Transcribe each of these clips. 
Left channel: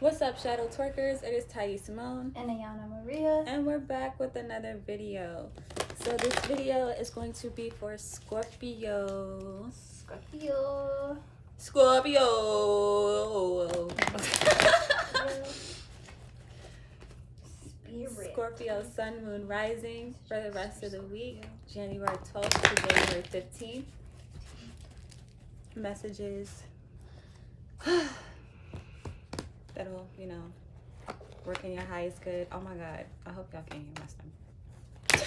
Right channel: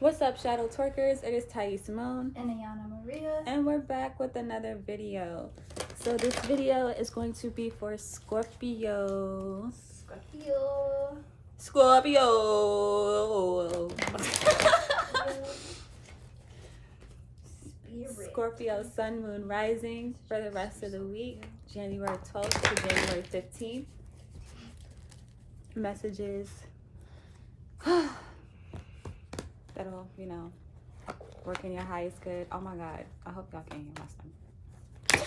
What's up, Shadow Twerkers? It is Thais Simone. And Ayana Maria. And we're back with another video. So this video is going to be for Scorpios. Scorpio. Scorpio Sun, Moon, Rising for the rest of the week, January 12th to January 15th. Messages that'll, work in your highest good. Oh my God, I hope y'all can hear my son.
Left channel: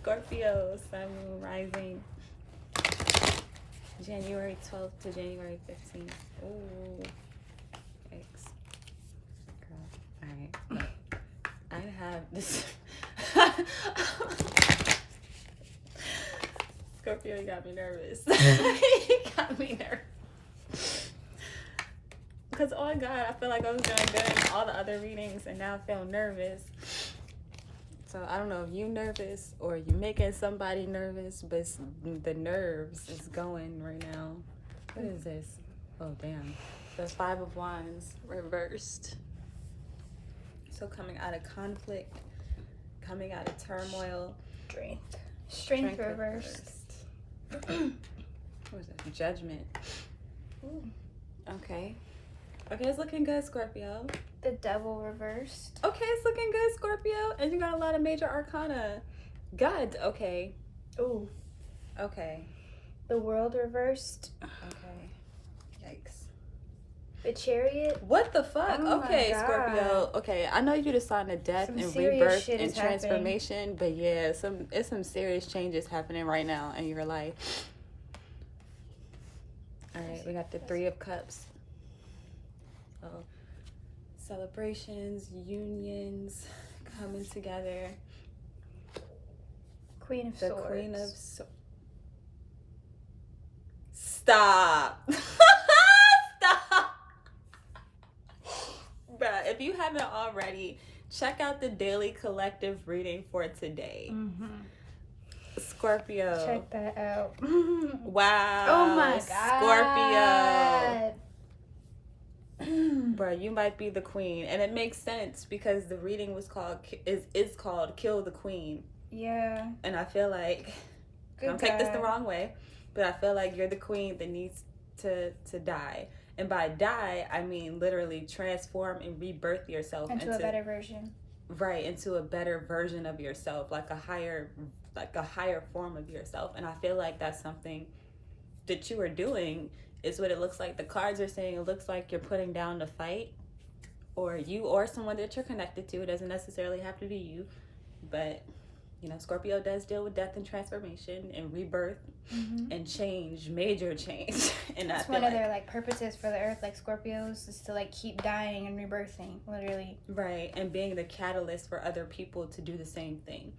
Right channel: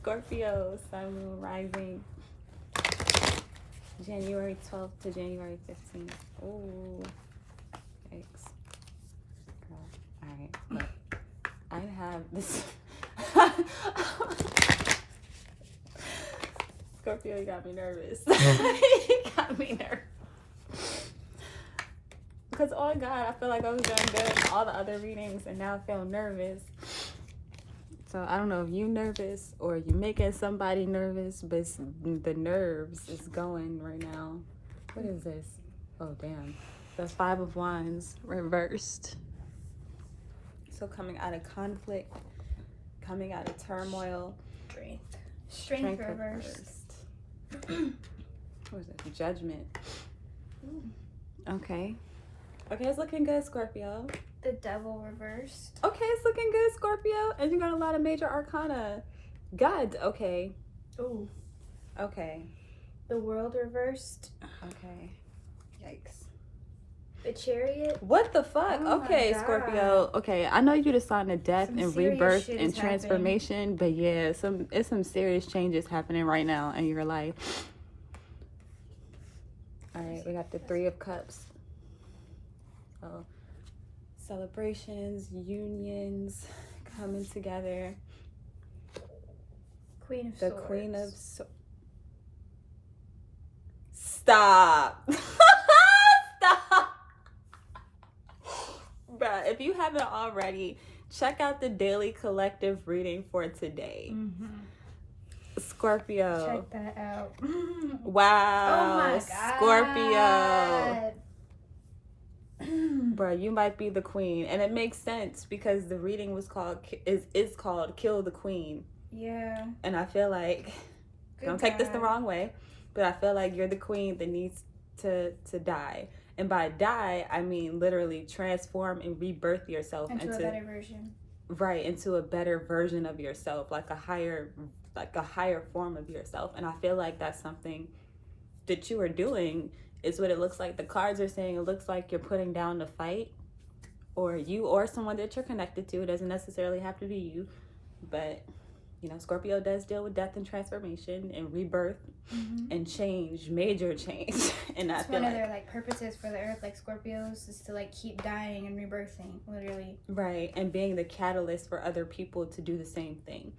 Scorpio Sun, Moon, Rising, January 12th to January 15th. Ooh, thanks. Alright, look, I have this. Scorpio, you got me nervous. You got me nervous. Because, oh God, I feel like I was doing good in all the other readings and now I feel nervous. So I don't know if you're nervous or you're making somebody nervous, but the nerves is going right now. What is this? Oh, damn. There's 5 of Wands reversed. So coming out of conflict, coming out of turmoil. Strength reversed. What is that? Judgment. Ooh. Okay, it's looking good, Scorpio. The Devil reversed. Okay, it's looking good, Scorpio. And you got a lot of major arcana. God, okay. Ooh. Okay. The World reversed. Okay. Yikes. The Chariot. What the fuck? Oh okay, my God. Scorpio. Okay, I know you just sign of death Some and serious rebirth shit and is transformation, but yeah, it's some serious changes happening right now in your life. All right, we got the 3 of Cups. So, celebrations, unions, coming together. Queen of The Swords. Queen of Swords. Stop. Stop. Bruh, if you haven't already, check out the daily collective reading for today. Mm-hmm. Scorpio. Check that out. Wow. Oh my God. Scorpio. Bro, you might be the queen. And it makes sense because the reading was called Kill the Queen. Yeah. And I feel like, don't take this the wrong way, but I feel like you're the queen that needs to die. And by die, I mean literally transform and rebirth yourself into a better version. Right, into a better version of yourself, like a higher form of yourself. And I feel like that's something that you are doing. Is what it looks like. The cards are saying it looks like you're putting down the fight, or you or someone that you're connected to. It doesn't necessarily have to be you, but Scorpio does deal with death and transformation and rebirth and change, major change. And that's one of their purposes for the earth, like Scorpios, is to keep dying and rebirthing, literally. Right, and being the catalyst for other people to do the same thing.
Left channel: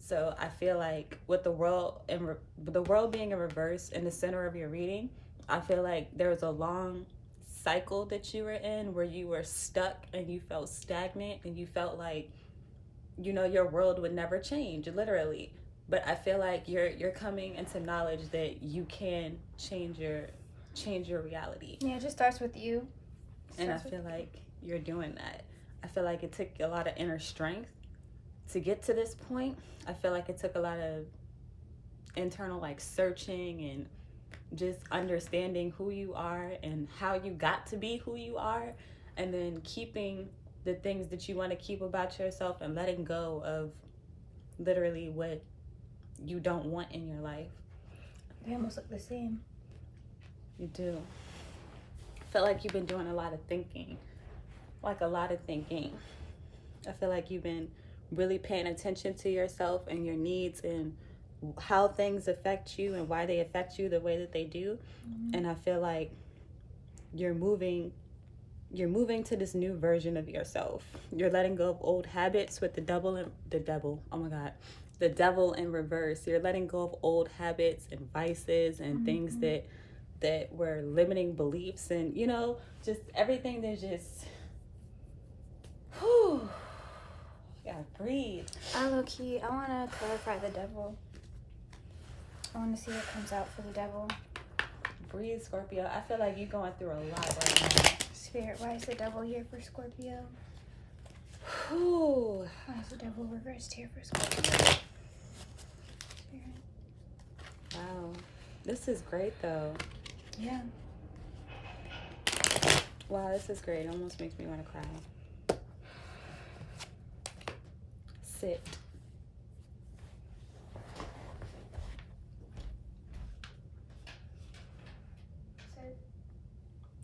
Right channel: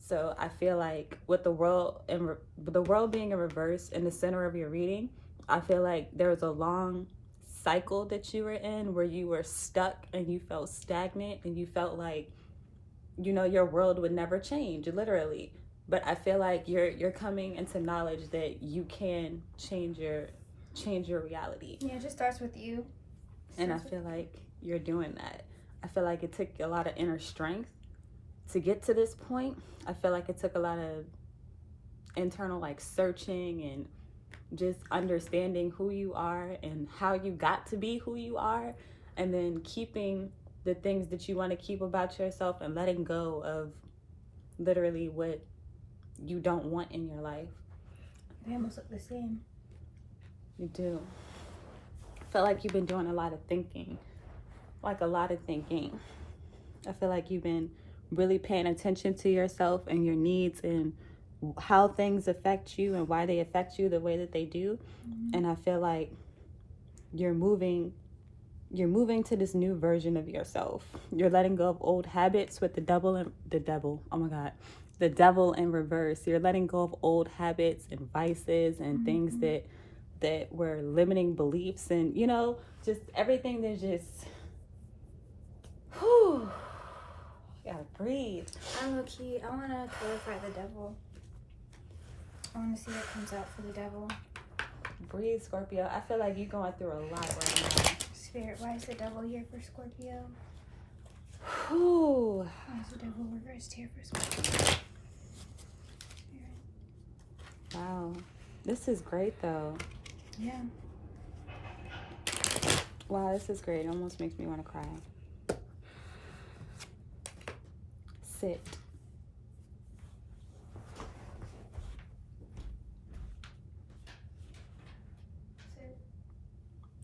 So I feel like with the world being in reverse in the center of your reading, I feel like there was a long cycle that you were in where you were stuck and you felt stagnant and you felt like your world would never change, literally. But I feel like you're coming into knowledge that you can change your reality. Yeah, it just starts with you. And I feel like you're doing that. I feel like it took a lot of inner strength to get to this point. I feel like it took a lot of internal searching and just understanding who you are and how you got to be who you are, and then keeping the things that you want to keep about yourself and letting go of literally what you don't want in your life. They almost look the same. You do. I feel like you've been doing a lot of thinking. I feel like you've been really paying attention to yourself and your needs and how things affect you and why they affect you the way that they do. And I feel like you're moving to this new version of yourself. You're letting go of old habits with the devil in reverse. You're letting go of old habits and vices and things that were limiting beliefs and just everything that's just you gotta breathe. I want to clarify the devil. I want to see what comes out for the devil. breathe, Scorpio. I feel like you're going through a lot right now. Spirit, why is the devil here for Scorpio? Whew. Why is the devil reversed here for Scorpio? Spirit. Wow. This is great, though. Yeah. Wow, this is great. It almost makes me want to cry. Sit.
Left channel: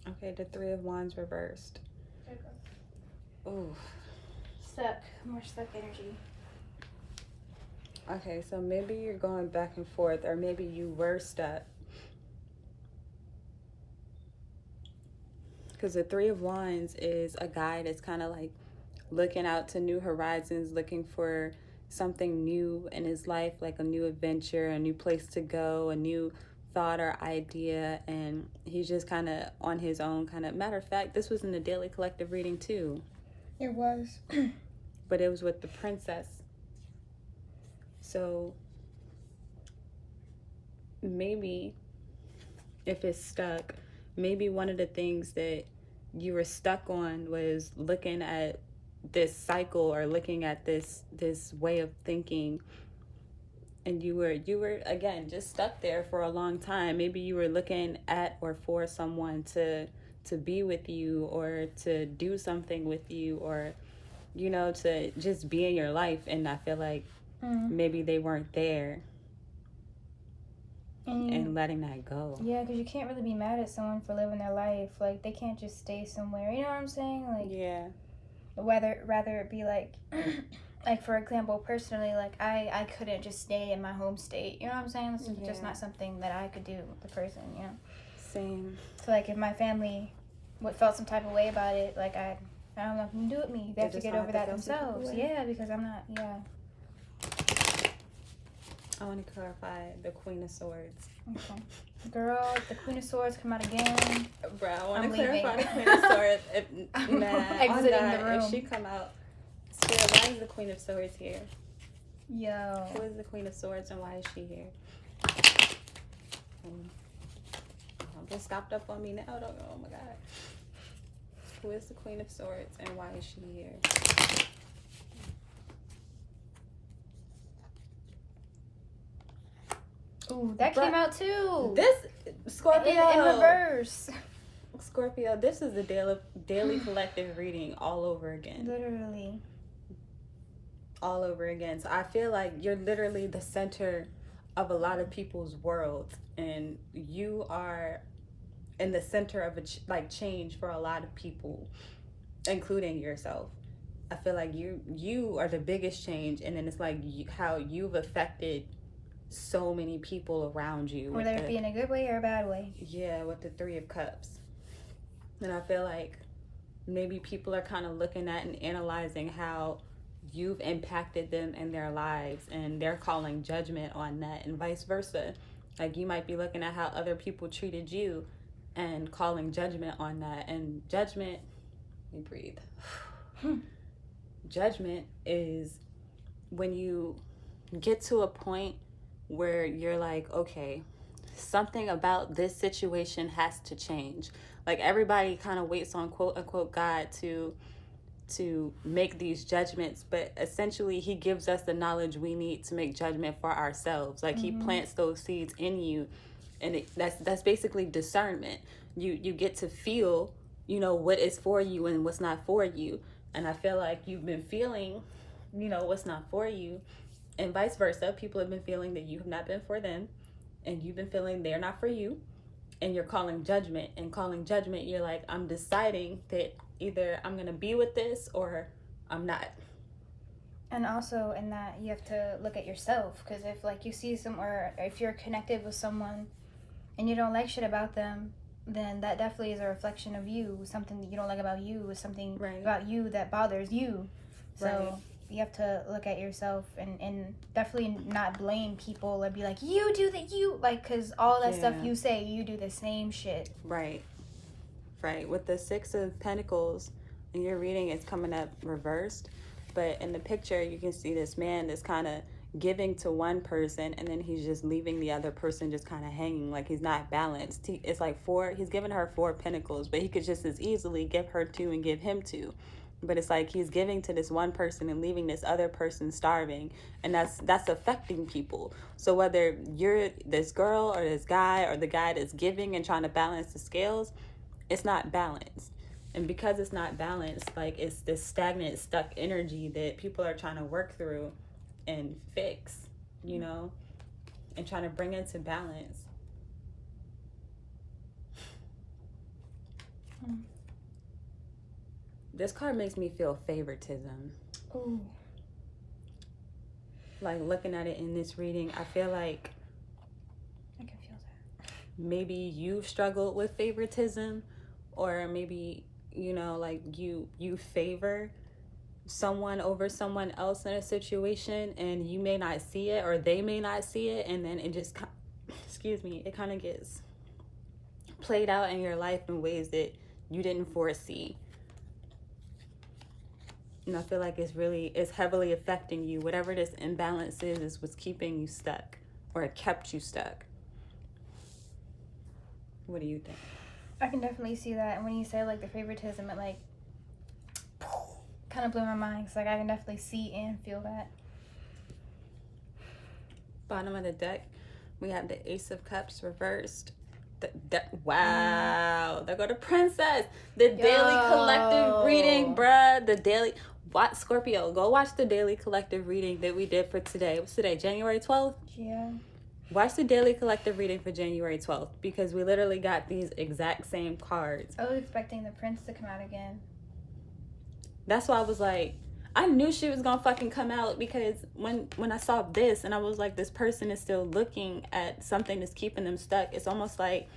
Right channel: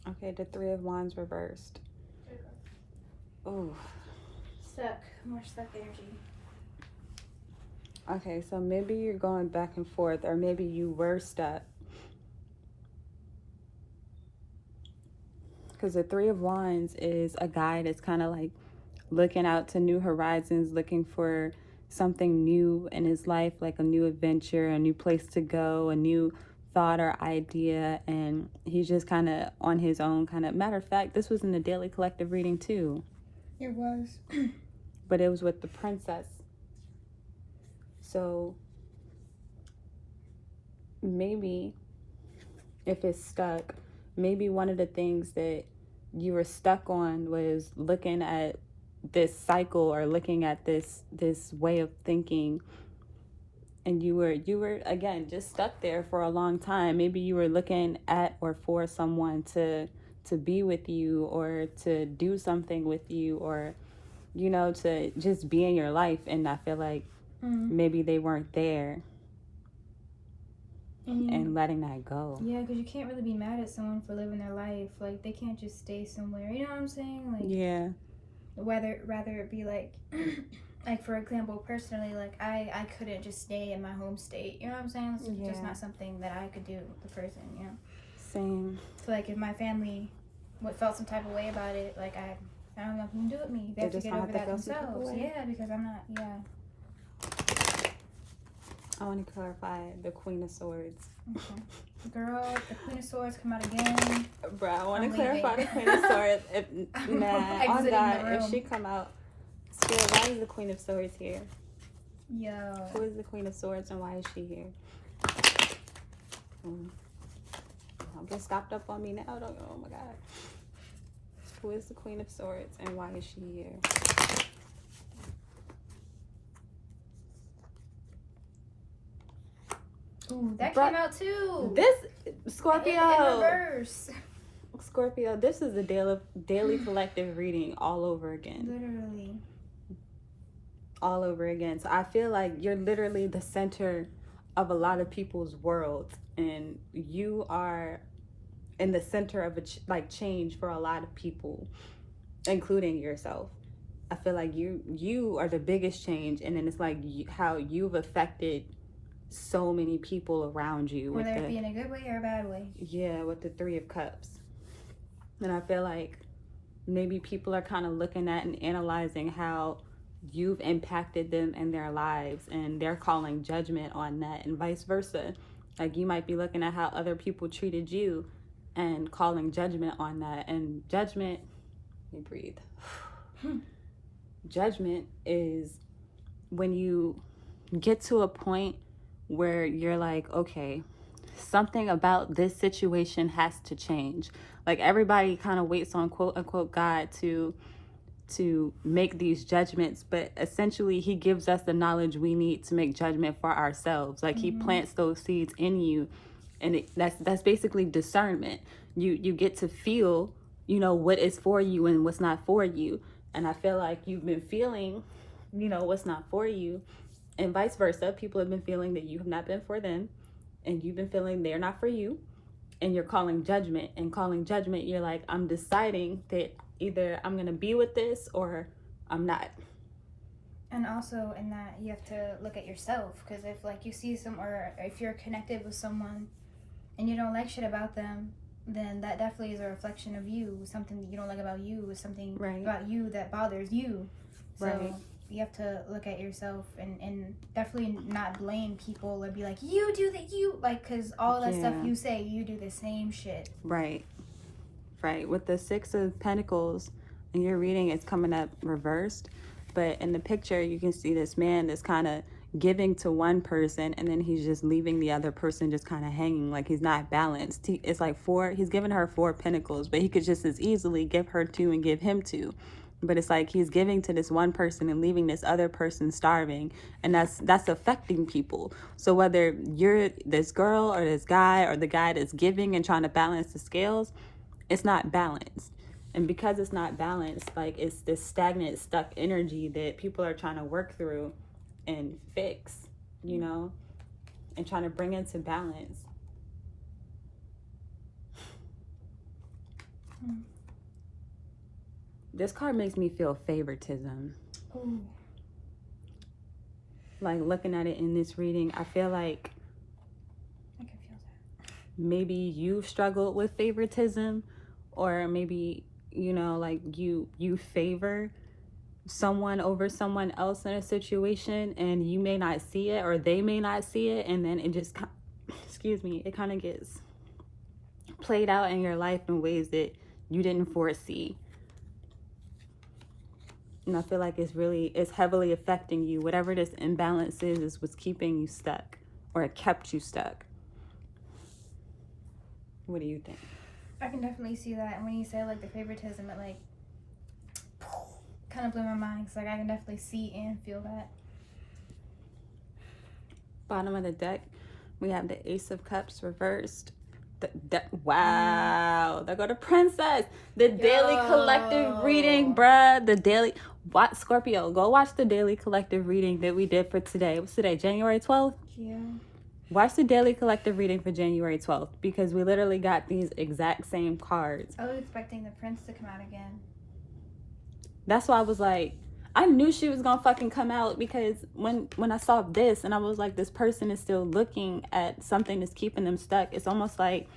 Okay, the Three of Wands reversed. Ooh. Stuck. More stuck energy. Okay, so maybe you're going back and forth, or maybe you were stuck. Because the Three of Wands is a guy that's kind of like looking out to new horizons, looking for something new in his life, like a new adventure, a new place to go, a new thought or idea, and he's just kind of on his own. Kind of matter of fact, this was in the daily collective reading too. It was. But it was with the princess. So maybe if it's stuck, maybe one of the things that you were stuck on was looking at this cycle, or looking at this way of thinking, and you were again just stuck there for a long time. Maybe you were looking at or for someone to be with you, or to do something with you, or to just be in your life, and I feel like maybe they weren't there, and letting that go. Yeah, because you can't really be mad at someone for living their life. Like, they can't just stay somewhere, you know what I'm saying? Like, yeah, rather it be like like, for example, personally, like, I couldn't just stay in my home state, you know what I'm saying? It's just not something that I could do with the person, you know? Same. So, like, if my family felt some type of way about it, like, I don't know who can do it with me. They have to get over that themselves. Yeah, because I'm not, I want to clarify the Queen of Swords. Okay. Girl, the Queen of Swords come out again. Bro, I want to clarify the Queen of Swords. If she come out, Spirit, why is the Queen of Swords here? Yo. Who is the Queen of Swords, and why is she here? Don't get stopped up on me now. Don't go, oh my God. Who is the Queen of Swords, and why is she here? Ooh, that came out too. This Scorpio in reverse. Scorpio, this is the daily collective reading all over again. Literally. All over again. So I feel like you're literally the center of a lot of people's worlds, and you are in the center of change for a lot of people, including yourself. I feel like you are the biggest change, and then it's like how you've affected so many people around you, whether it be in a good way or a bad way. Yeah, with the Three of Cups. And I feel like maybe people are kind of looking at and analyzing how you've impacted them in their lives, and they're calling judgment on that, and vice versa. Like, you might be looking at how other people treated you and calling judgment on that. And judgment, let me breathe. Judgment is when you get to a point where you're like, okay, something about this situation has to change. Like, everybody kind of waits on quote unquote God to make these judgments, but essentially he gives us the knowledge we need to make judgment for ourselves. Like, he plants those seeds in you, and that's basically discernment. You get to feel, what is for you and what's not for you. And I feel like you've been feeling, what's not for you, and vice versa. People have been feeling that you have not been for them, and you've been feeling they're not for you, and you're calling judgment. And calling judgment, you're like, I'm deciding that either I'm going to be with this or I'm not. And also in that, you have to look at yourself, because if you see or if you're connected with someone and you don't like shit about them, then that definitely is a reflection of you. Something that you don't like about you is something about you that bothers you. So you have to look at yourself and definitely not blame people or be like, you do that, because all that stuff you say, you do the same shit. Right. With the Six of Pentacles in your reading, it's coming up reversed. But in the picture, you can see this man that's kind of giving to one person and then he's just leaving the other person just kind of hanging, like he's not balanced. It's like he's giving her 4 pentacles, but he could just as easily give her 2 and give him 2. But it's like he's giving to this one person and leaving this other person starving, and that's affecting people. So whether you're this girl or this guy or the guy that's giving and trying to balance the scales, it's not balanced. And because it's not balanced, like it's this stagnant, stuck energy that people are trying to work through and fix, you know, and trying to bring into balance. This card makes me feel favoritism. Ooh. Like looking at it in this reading, I feel like I can feel that. maybe you've struggled with favoritism, or maybe, you know, like you favor someone over someone else in a situation, and you may not see it or they may not see it, and then it just it kind of gets played out in your life in ways that you didn't foresee. And I feel like it's heavily affecting you. Whatever this imbalance is what's keeping you stuck, or it kept you stuck. What do you think? I can definitely see that. And when you say like the favoritism, it like kind of blew my mind. It's like I can definitely see and feel that. Bottom of the deck, we have the Ace of Cups reversed. Wow, there go the Princess. The daily collective reading, bruh. The daily. Watch Scorpio. Go watch the daily collective reading that we did for today. What's today? January 12th? Yeah. Watch the daily collective reading for January 12th, because we literally got these exact same cards. I was expecting the Prince to come out again. That's why I was like, I knew she was gonna fucking come out, because when I saw this and I was like, this person is still looking at something that's keeping them stuck. It's almost like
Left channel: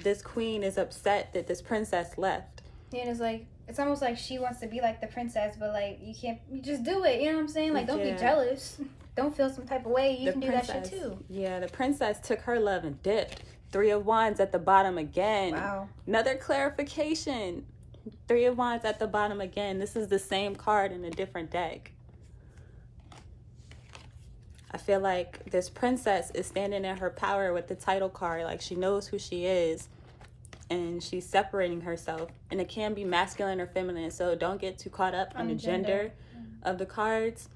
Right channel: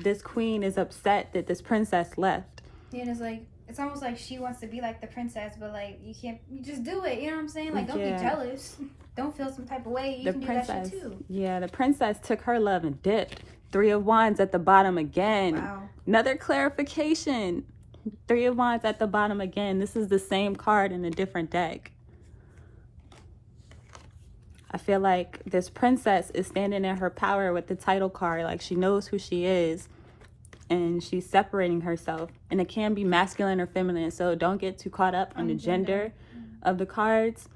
this queen is upset that this princess left. Yeah, and it's like, it's almost like she wants to be like the princess, but like you just do it. You know what I'm saying? Like, don't be jealous. Don't feel some type of way. You can do that shit too. Yeah, the princess took her love and dipped. 3 of Wands at the bottom again. Wow. Another clarification. 3 of Wands at the bottom again. This is the same card in a different deck. I feel like this princess is standing in her power with the title card. Like, she knows who she is, and she's separating herself. And it can be masculine or feminine, so don't get too caught up in the gender of the cards.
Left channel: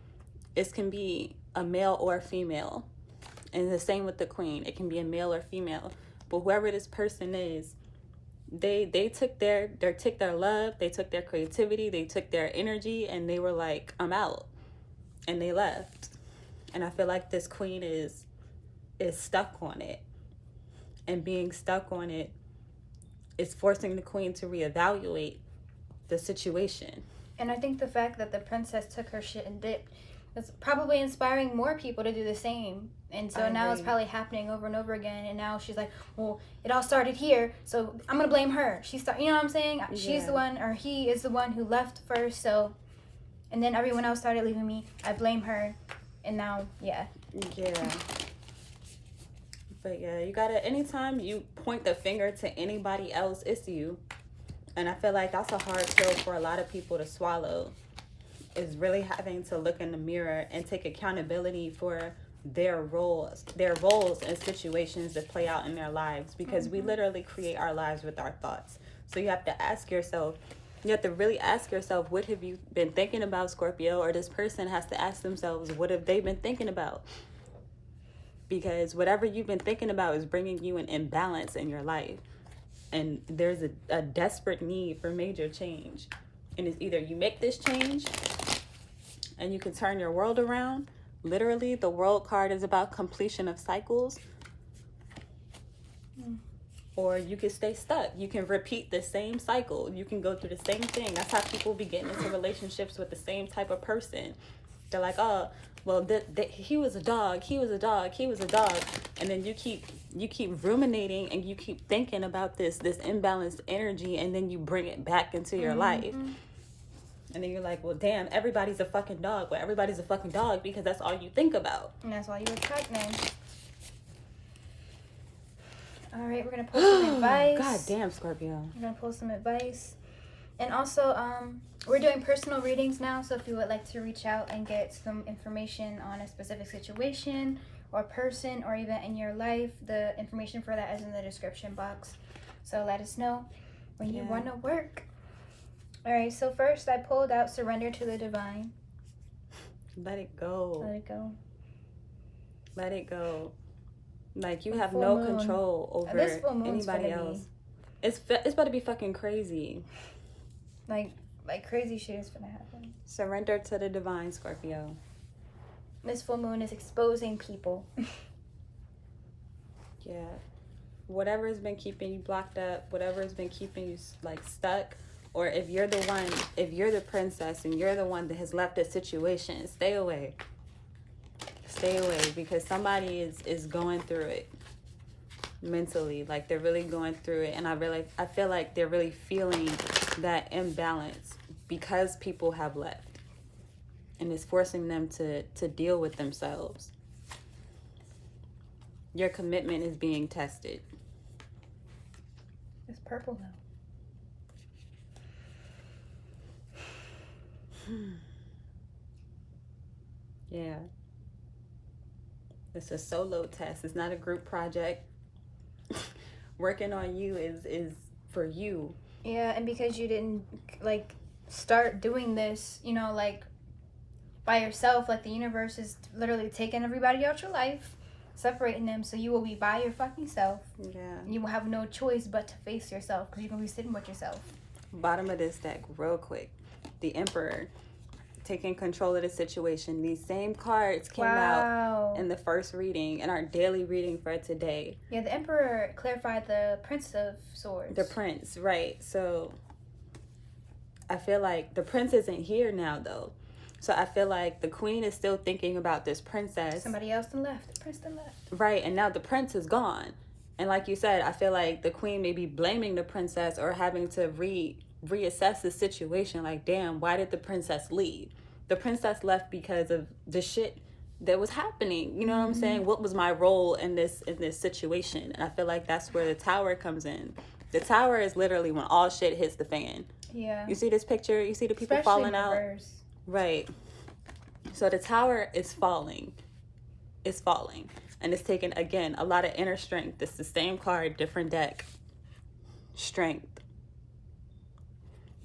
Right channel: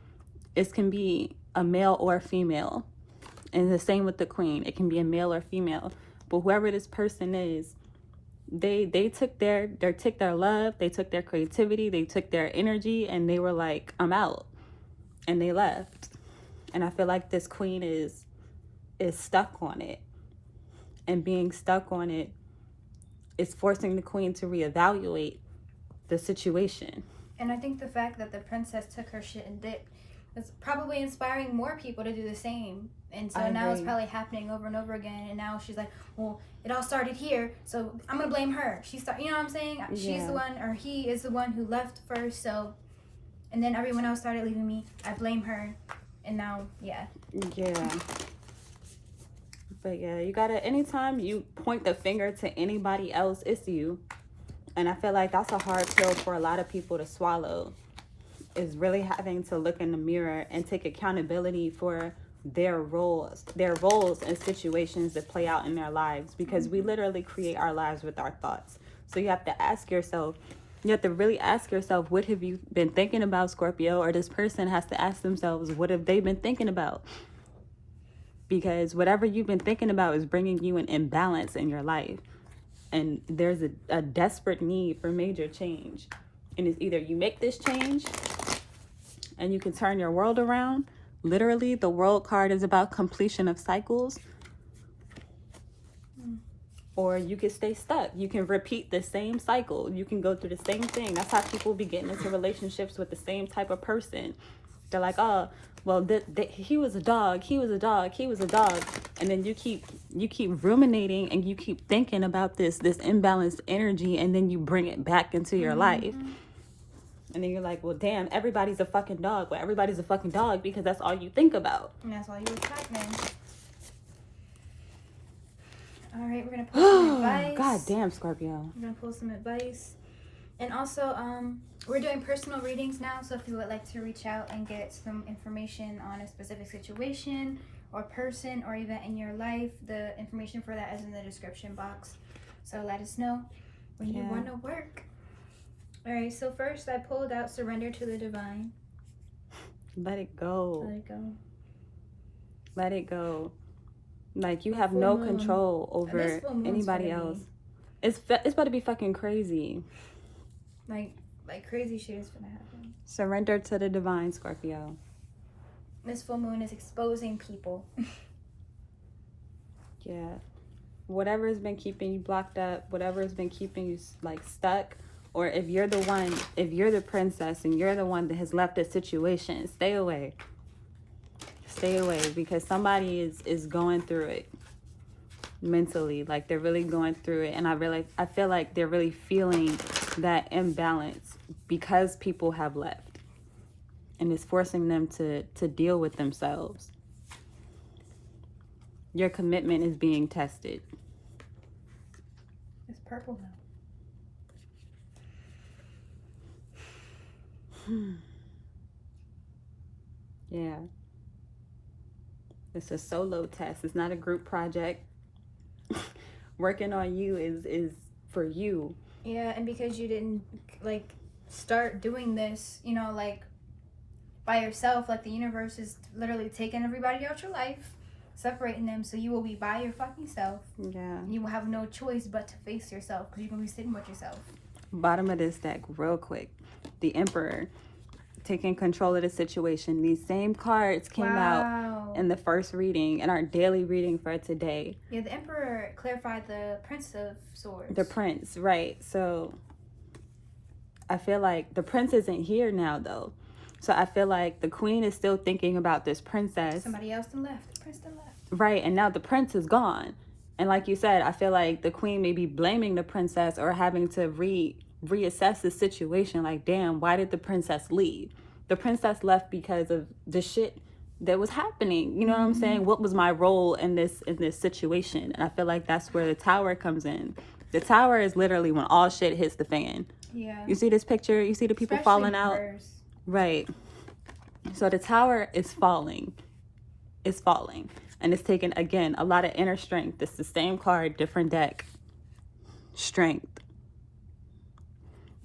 It can be a male or a female. And the same with the queen. It can be a male or female. But whoever this person is, they took their love, they took their creativity, they took their energy, and they were like, I'm out. And they left. And I feel like this queen is stuck on it. And being stuck on it is forcing the queen to reevaluate the situation. And I think the fact that the princess took her shit and dipped is probably inspiring more people to do the same. And so now it's probably happening over and over again. And now she's like, well, it all started here, so I'm going to blame her. You know what I'm saying? Yeah. She's the one, or he is the one who left first. So, and then everyone else started leaving me. I blame her. And now, yeah. But yeah, you gotta, anytime you point the finger to anybody else, it's you. And I feel like that's a hard pill for a lot of people to swallow, is really having to look in the mirror and take accountability for their roles and situations that play out in their lives, because we literally create our lives with our thoughts. So you have to ask yourself, you have to really ask yourself, what have you been thinking about, Scorpio? Or this person has to ask themselves, what have they been thinking about? Because whatever you've been thinking about is bringing you an imbalance in your life. And there's a desperate need for major change. And it's either you make this change and you can turn your world around. Literally, the world card is about completion of cycles. Or you can stay stuck. You can repeat the same cycle. You can go through the same thing. That's how people be getting into relationships with the same type of person. They're like, oh, well, he was a dog. He was a dog. He was a dog. And then you keep ruminating and you keep thinking about this imbalanced energy, and then you bring it back into your life. And then you're like, well, damn, everybody's a fucking dog. Well, everybody's a fucking dog because that's all you think about. And that's all you expect, man. All right, we're going to pull some advice. God damn, Scorpio. We're going to pull some advice. And also, we're doing personal readings now, so if you would like to reach out and get some information on a specific situation or person or event in your life, the information for that is in the description box. So let us know when you want to work. All right, so first I pulled out Surrender to the Divine. Let it go. Let it go. Let it go. Like, you have no control over anybody else. It's about to be fucking crazy. Like crazy shit is gonna happen. Surrender to the divine, Scorpio. This full moon is exposing people. Yeah. Whatever has been keeping you blocked up, whatever has been keeping you like stuck, or if you're the princess and you're the one that has left a situation, stay away. Stay away, because somebody is going through it mentally. Like, they're really going through it, and I feel like they're really feeling that imbalance because people have left, and it's forcing them to deal with themselves. Your commitment is being tested. It's purple though. Yeah. It's a solo test. It's not a group project. Working on you is for you. Yeah, and because you didn't like start doing this, you know, like by yourself, like the universe is literally taking everybody out your life, separating them, so you will be by your fucking self. Yeah. You will have no choice but to face yourself, because you're gonna be sitting with yourself. Bottom of this deck, real quick. The Emperor taking control of the situation. These same cards came out in the first reading, in our daily reading for today. Yeah, the Emperor clarified the Prince of Swords. The Prince, right. So I feel like the Prince isn't here now, though. So I feel like the Queen is still thinking about this princess. Somebody else done left. The Prince done left. Right, and now the Prince is gone. And like you said, I feel like the Queen may be blaming the princess or having to reassess the situation. Like, damn, why did the princess leave? The princess left because of the shit that was happening. You know what I'm saying? What was my role in this situation? And I feel like that's where the Tower comes in. The Tower is literally when all shit hits the fan. Yeah. You see this picture? You see the people Especially falling out? reverse. Right. So the Tower is falling. It's falling. And it's taking, again, a lot of inner strength. It's the same card, different deck. Strength.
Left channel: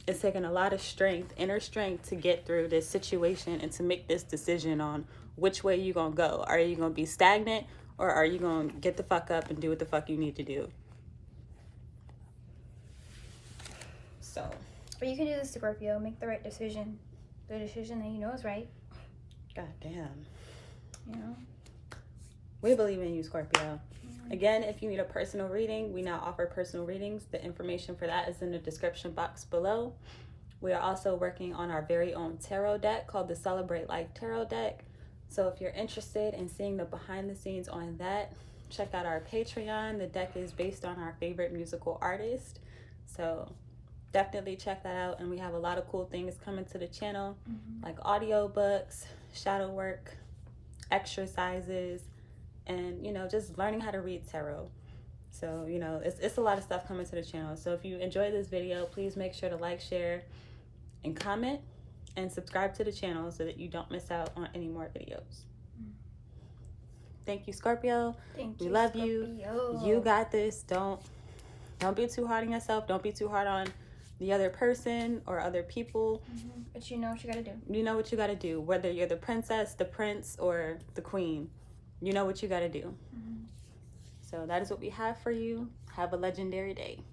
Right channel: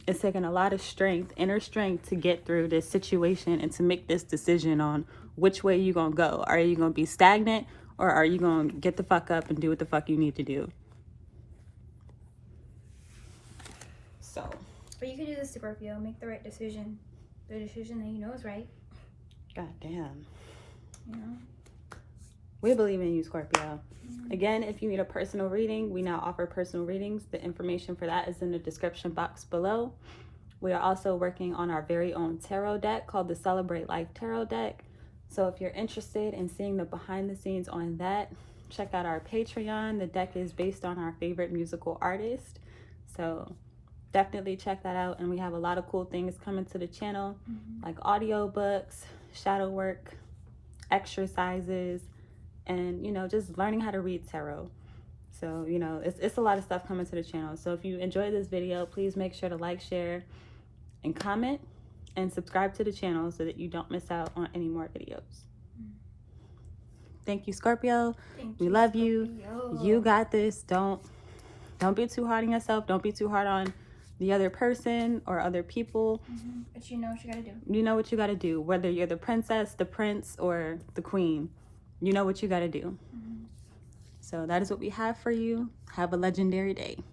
It's taking a lot of strength, inner strength, to get through this situation and to make this decision on which way you're going to go. Are you going to be stagnant, or are you going to get the fuck up and do what the fuck you need to do? So. But you can do this, Scorpio. Make the right decision. The decision that you know is right. God damn. You know? We believe in you, Scorpio. Again, if you need a personal reading, we now offer personal readings. The information for that is in the description box below. We are also working on our very own tarot deck called the Celebrate Life Tarot deck. So if you're interested in seeing the behind the scenes on that, check out our Patreon. The deck is based on our favorite musical artist. So definitely check that out. And we have a lot of cool things coming to the channel, like audiobooks, shadow work, exercises, and, you know, just learning how to read tarot. So, you know, it's a lot of stuff coming to the channel. So if you enjoyed this video, please make sure to like, share, and comment, and subscribe to the channel so that you don't miss out on any more videos. Thank you, Scorpio. Thank you. We love you. Scorpio. You got this. Don't be too hard on yourself. Don't be too hard on the other person or other people. But you know what you gotta do. You know what you gotta do. Whether you're the princess, the prince, or the queen, you know what you gotta do. So that is what we have for you. Have a legendary day.